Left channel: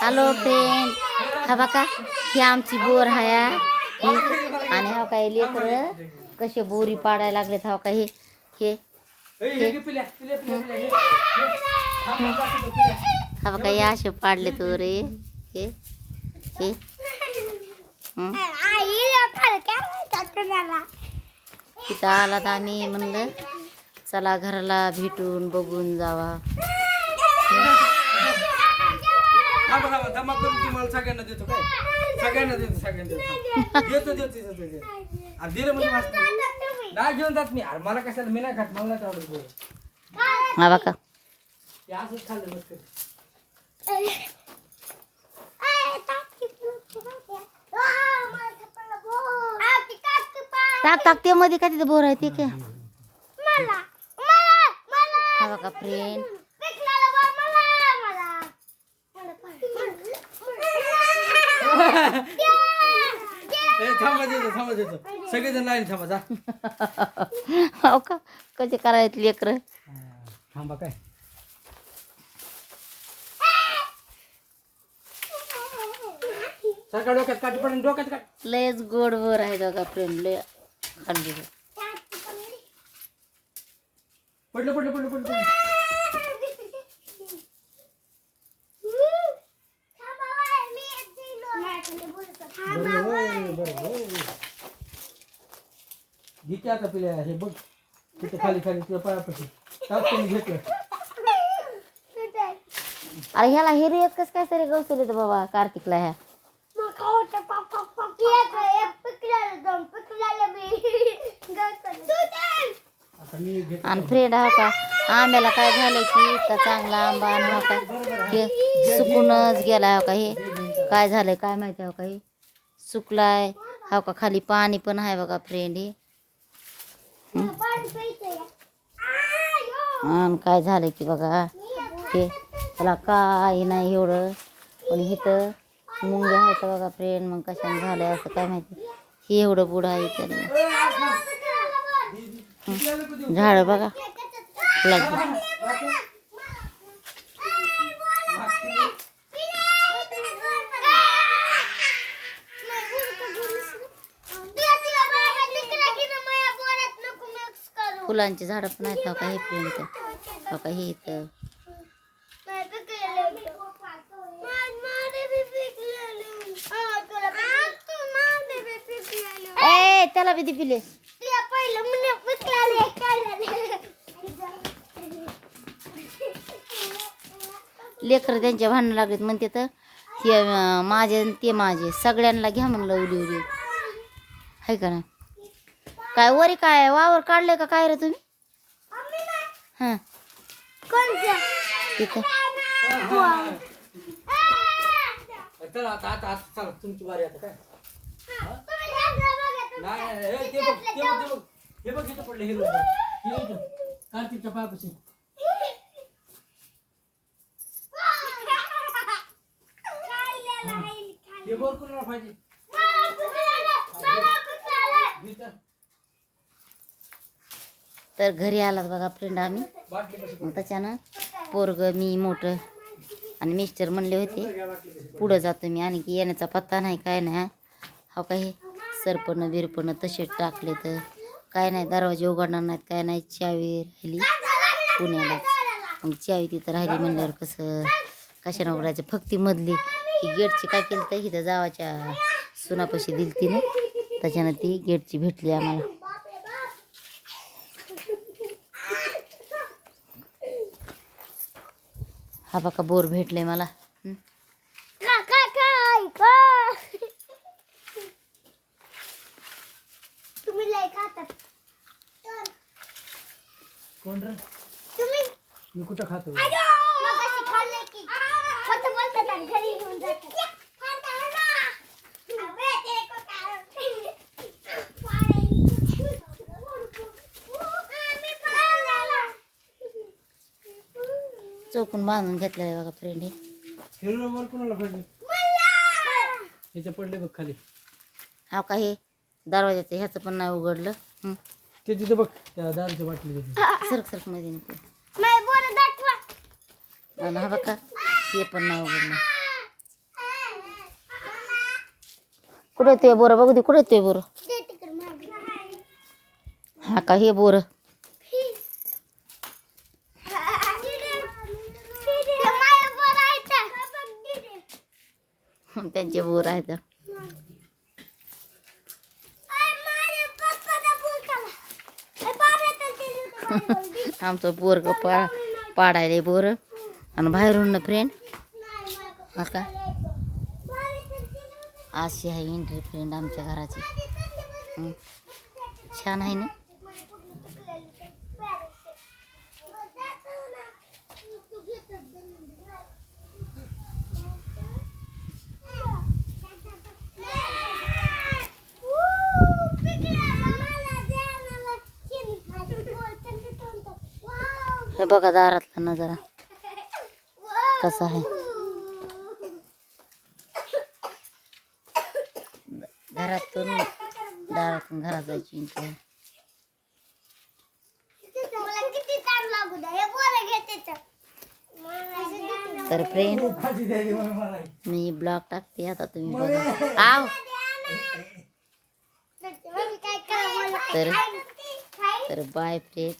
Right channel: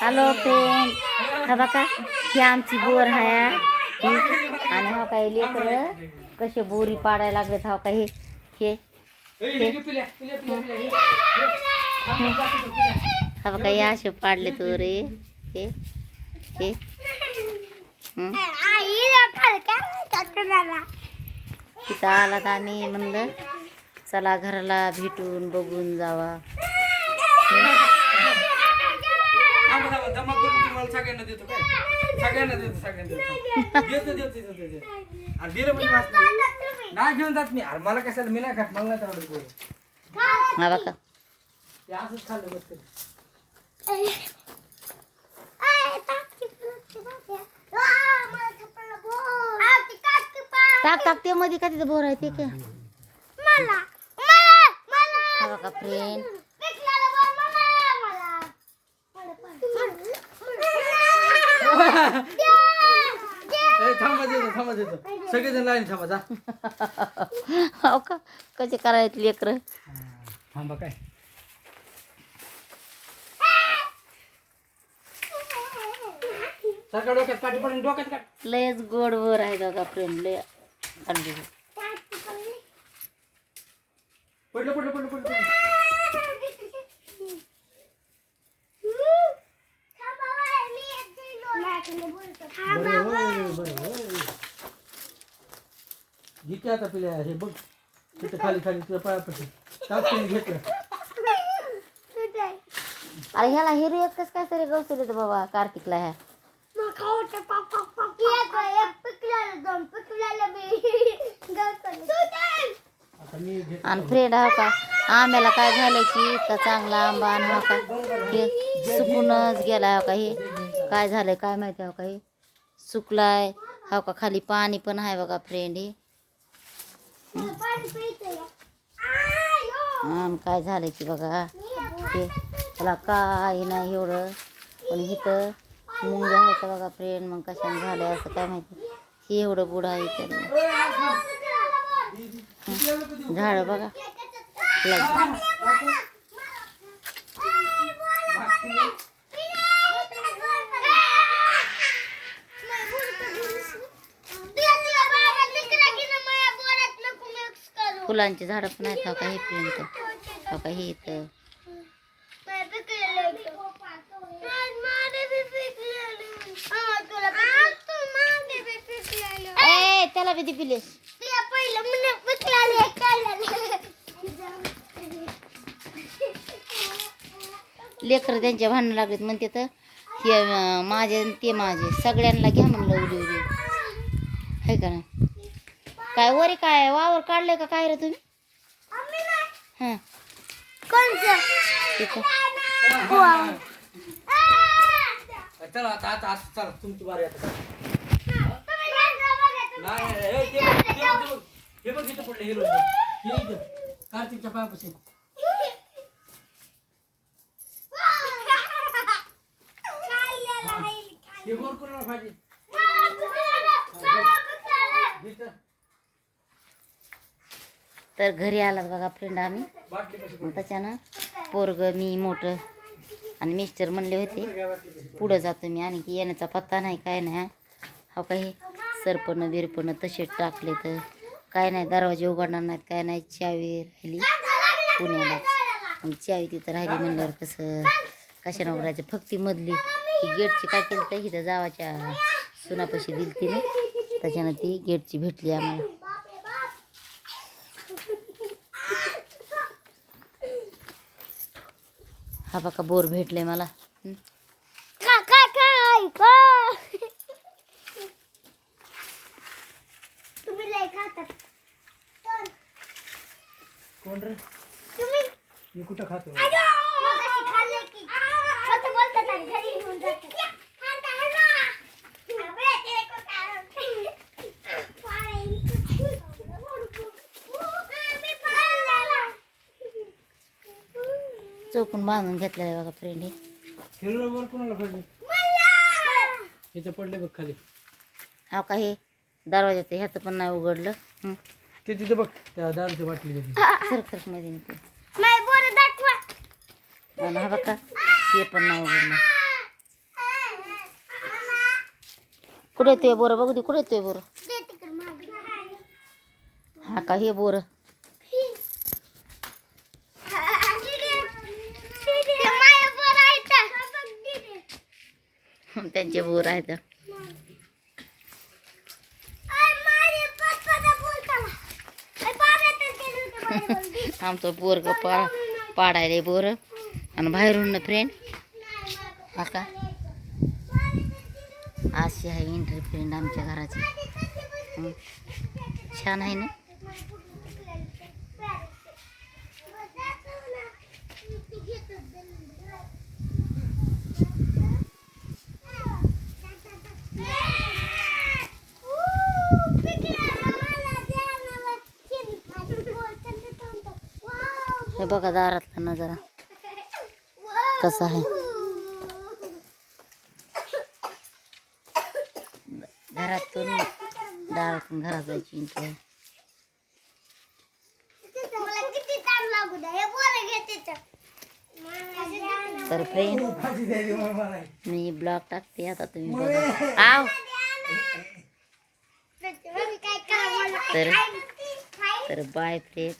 Hello friend हा बघा ही आमची बोर हाया आणि हा काय लेकर कसे बोरी पाडायला लागलेत हा काय हे. हे. हा. बघा हे असे पाडले तो रे हे. हे. हं. तिथं आलात आम्ही म्हणलं चला घराला भेटून बघून जावा. थांबा थांबा जमा करून तुम्हाला सगळ्यांना देतो काय? सगळ्यांना देतो सगळ्यांना देतो. देतो देतो देतो देतो. आणि दिलं म्हणजे. नाही घेऊन जात मी. अरे मला कशाला? मी नाही खात. मला आवडत गोड. हा बघा. ते असंच खाल्लं मस्त टाक टाक ते मध्ये काय तिथं बोर आहे ते काय? हा बघा फ्रेंड थांबा देतो थांबा देतो सगळेजण लाईन थांबा जा. हो का? कसे करायचे लेकर? थांबा काय? सरकार डोक्यात डोक्यात लयच गोड बोर आहे बघा फ्रेंड लय खाल्ली पडलं पडलं पडलं पडलं. घेते आता पिल्या हे बघ तिथं खाली खाली तुझ्या पायापाशी घेतलं अरे ह्याला हिरी एकच काय तरी गवसले बाबा कार्तिकला ह्या आता आणि फ्रेंड हा का आंब्याला काय झालं की का चांगला आंबा आणि हा का हे सुकूनच गेला हा का हे काय झालंय काय माहिती हा का हे सुकलाय हा का खाली पाणी पण आहे बघा फ्रेंड हे आणि काय झालं की बघा? ते त्याला काय नाही एवढं. पण इथं मुंग्या आहेत बघा फ्रेंड मग कशाने झालं असं काय माहिती? हे एवढं बुड आहे त्यांनी. झाडं बघा. फुलांची झाडं पण आहेत हो का हे इथं हो का हे इथं. ए त्याला बी दे. पिले लेकर त्यांच्या भांडणं लागत म्हणते तर हे अं, माझे ते माझे. सगळ्यांना घ्या म्हणलं उडी उडी. आहे का ना काय वरी काय वावर काढलंय का काय रे तुम्ही? हां. तिथं चला आता आता आता चला तुमची बारी आता चला. नाही हे ते बघ ते बघ ते बघ. हे बघ इथं पडलं हिरो हे इथं कार्तिकच्या पायापाशी. हे बोर कोणाला पाहिजे? इथं. तर घरी आलात बघा फ्रेंड आम्ही. मग त्याच्यानं पोरगं मी मोठं आणि मिस्टर म्हणले होते पुढं जातो मी. आणि की येण्याचा पत्ता नाही काय नाही हा. हो काही सरपणं बिरपणं तसेच टाकले तर काय नाही दरवाजे उघडणार नाहीत काय नाही. चावी राहिली पुण्याला. मग चावी तिथं राहिली म्हणल्यावर कसं? कशानं उघडायचं? फक्त मधली ही गेटची काय केली तर इथं जावाच्या सुनापाशी दिली तिने त्याच्यानं ती गेटची भेटली आम्हाला. हा बघा बोर भेटले मला. हं. तुम्ही लय खातात कोण रे? तुम्ही? मी कुठं खातो मगाशी खाल्ले की खोटं बोलतात आणि घरी घेऊन जातात अबे, ते खोटं. मी पाहिलं. चौकून बांधून घेतलेलं आहे बघा फ्रेंड हे हिरो बोल कोणाला पाहिजे? इथे पडले बघ खाली. हा का हे दरवाजाचं ह्याचं पण नाही उघडलं. हं. ते तिथे बघ त्या दारूच्या बाटली सरक सरकमध्ये नको नाही, बरं दाखवा. आणि हा बघा ते पण नाही उघडलं. कुठे येतोय बोरं? बघू दे कुठे येतोय बोरं. हा का हे बोरं ते माझ्या वर आहे तर. त्यांचे बोर आहेत. आमचं बोर पा पाडायला बोर. आणि बाहेरून फ्रेंड हा का? अशी आहे एंट्री फ्रेंड आमच्या घराची. छान आहे ना? हे बघा दारातला नजारा. कसा आहे? घरातून दारातून घरात जायची एंट्री आहे मला किती टाइम लागू द्या हे बोल घेते तर फ्रेंड मी ब्लॉग टाकते आता तुम्ही बघा. आव. तर तर बाय फ्रेंड